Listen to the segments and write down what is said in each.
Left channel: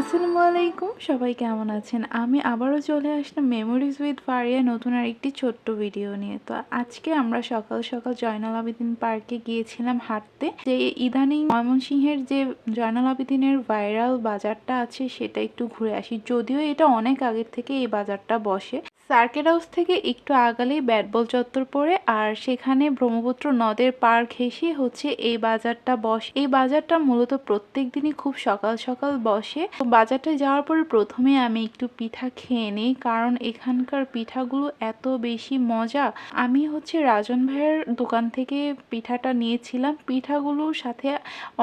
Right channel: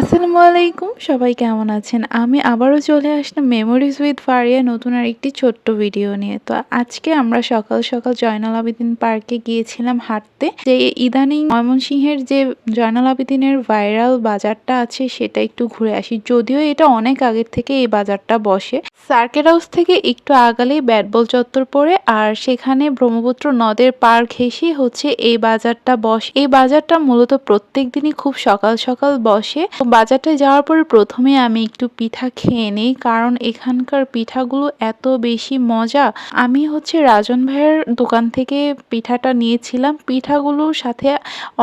আসসালামু আলাইকুম, সবাই কেমন আছেন? আমি আবারও চলে আসলাম মেমোরিজ উইথ ফারিয়া নতুন আর একটি ছোট্ট ভিডিও নিয়ে। তো আজকে আমরা সকাল সকাল জয়নাল আবেদিন পার্কে গিয়েছিলাম হাঁটতে। যে ইদানিং ময়মনসিংহের যে জয়নাল আবেদিনের ভাইরাল বাজারটা আছে, সেটা একটু ঘুরে আসি। যদিও এটা অনেক আগের থেকে এই বাজারটা বসে। সার্কেট হাউস থেকে একটু আগালেই ব্যাটবল চত্বর পড়ে, আর সেখানে ব্রহ্মপুত্র নদের পার ঘেঁষে হচ্ছে এই বাজারটা বসে। এই বাজারটা মূলত প্রত্যেক দিনই খুব সকাল সকাল বসে। তো বাজারটা যাওয়ার পরে প্রথমে আমি একটু পিঠা খেয়ে নিই, কারণ এখানকার পিঠাগুলো এত বেশি মজা। আমি হচ্ছে রাজন ভাইয়ের দোকান থেকে পিঠাটা নিয়েছিলাম। পিঠাগুলোর সাথে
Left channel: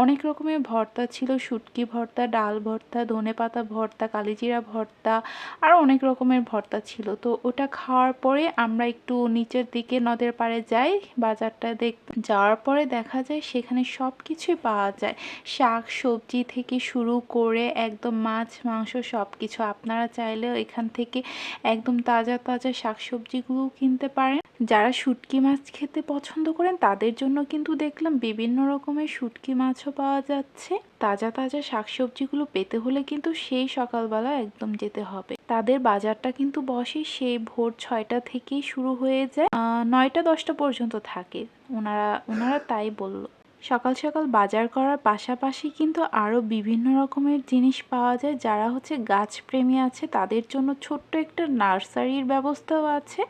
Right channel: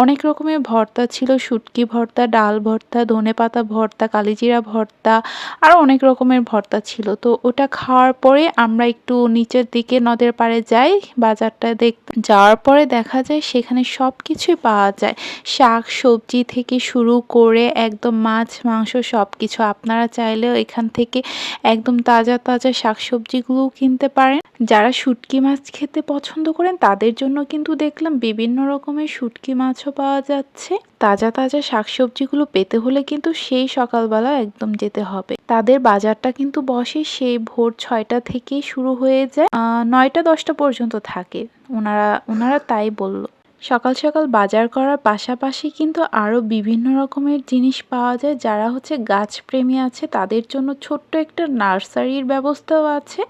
অনেক রকমের ভর্তা ছিল, শুটকি ভর্তা, ডাল ভর্তা, ধনে পাতা ভর্তা, কালিজিরা ভর্তা আরও অনেক রকমের ভর্তা ছিল। তো ওটা খাওয়ার পরে আমরা একটু নিচের দিকে নদের পাড়ে যাই বাজারটা দেখ, যাওয়ার পরে দেখা যায় সেখানে সব কিছুই পাওয়া যায়। শাক সবজি থেকে শুরু করে একদম মাছ, মাংস সব কিছু আপনারা চাইলেও এখান থেকে একদম তাজা তাজা শাকসবজিগুলোও কিনতে পারেন। যারা শুটকি মাছ খেতে পছন্দ করেন, তাদের জন্য কিন্তু দেখলাম বিভিন্ন রকমের শুটকি মাছও পাওয়া যাচ্ছে। তাজা তাজা শাকসবজিগুলো পেতে হলে কিন্তু সেই সকালবেলা একদম যেতে হবে। তাদের বাজারটা কিন্তু বসে সেই ভোর ছয়টা থেকেই শুরু হয়ে যায় নয়টা, দশটা পর্যন্ত থাকে। ওনারা ওনারা তাই বলল। সকাল সকাল বাজার করার পাশাপাশি কিন্তু আরও বিভিন্ন রকমের জিনিস পাওয়া যায়, যারা হচ্ছে গাছপ্রেমী আছে, তাদের জন্য ছোট্ট একটা নার্সারির ব্যবস্থাও আছে।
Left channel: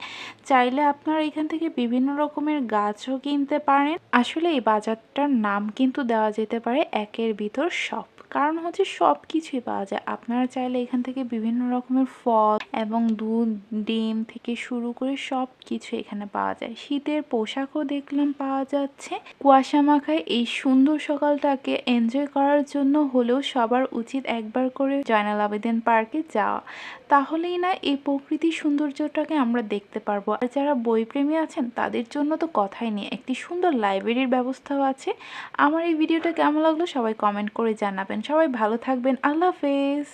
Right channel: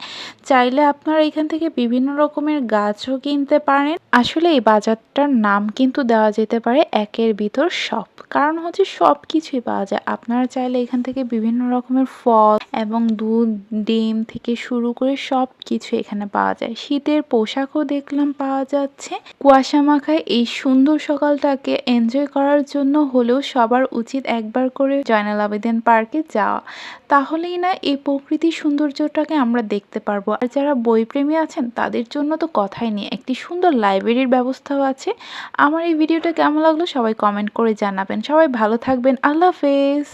চাইলে আপনারা এখান থেকে বিভিন্ন রকমের গাছও কিনতে পারেন। আসলে এই বাজারটার নাম কিন্তু দেওয়া যেতে পারে একের ভিতর সব। কারণ হচ্ছে সব কিছুই পাওয়া যায়। আপনারা চাইলে এখান থেকে বিভিন্ন রকমের ফল এবং দুধ, ডিম থেকে শুরু করে সব কিছু এখানে পাওয়া যায়। শীতের পোশাকও দেখলাম পাওয়া যাচ্ছে। কুয়াশা মাখায় এই সুন্দর সকালটাকে এনজয় করার জন্য হলেও সবার উচিত একবার করে জয়নাল আবেদিন পার্কে যাওয়া। তাহলেই না এই প্রকৃতির সৌন্দর্যটাকে আমরা দেখতে পারব। আর যারা বইপ্রেমী আছেন, তাদের জন্য তো কথাই নেই। একটি সুন্দর লাইব্রেরির ব্যবস্থাও আছে। আমার এই ভিডিওটা কেমন লাগল সবাই কমেন্ট করে জানাবেন। সবাই ভালো থাকবেন। আল্লাহ হাফেজ।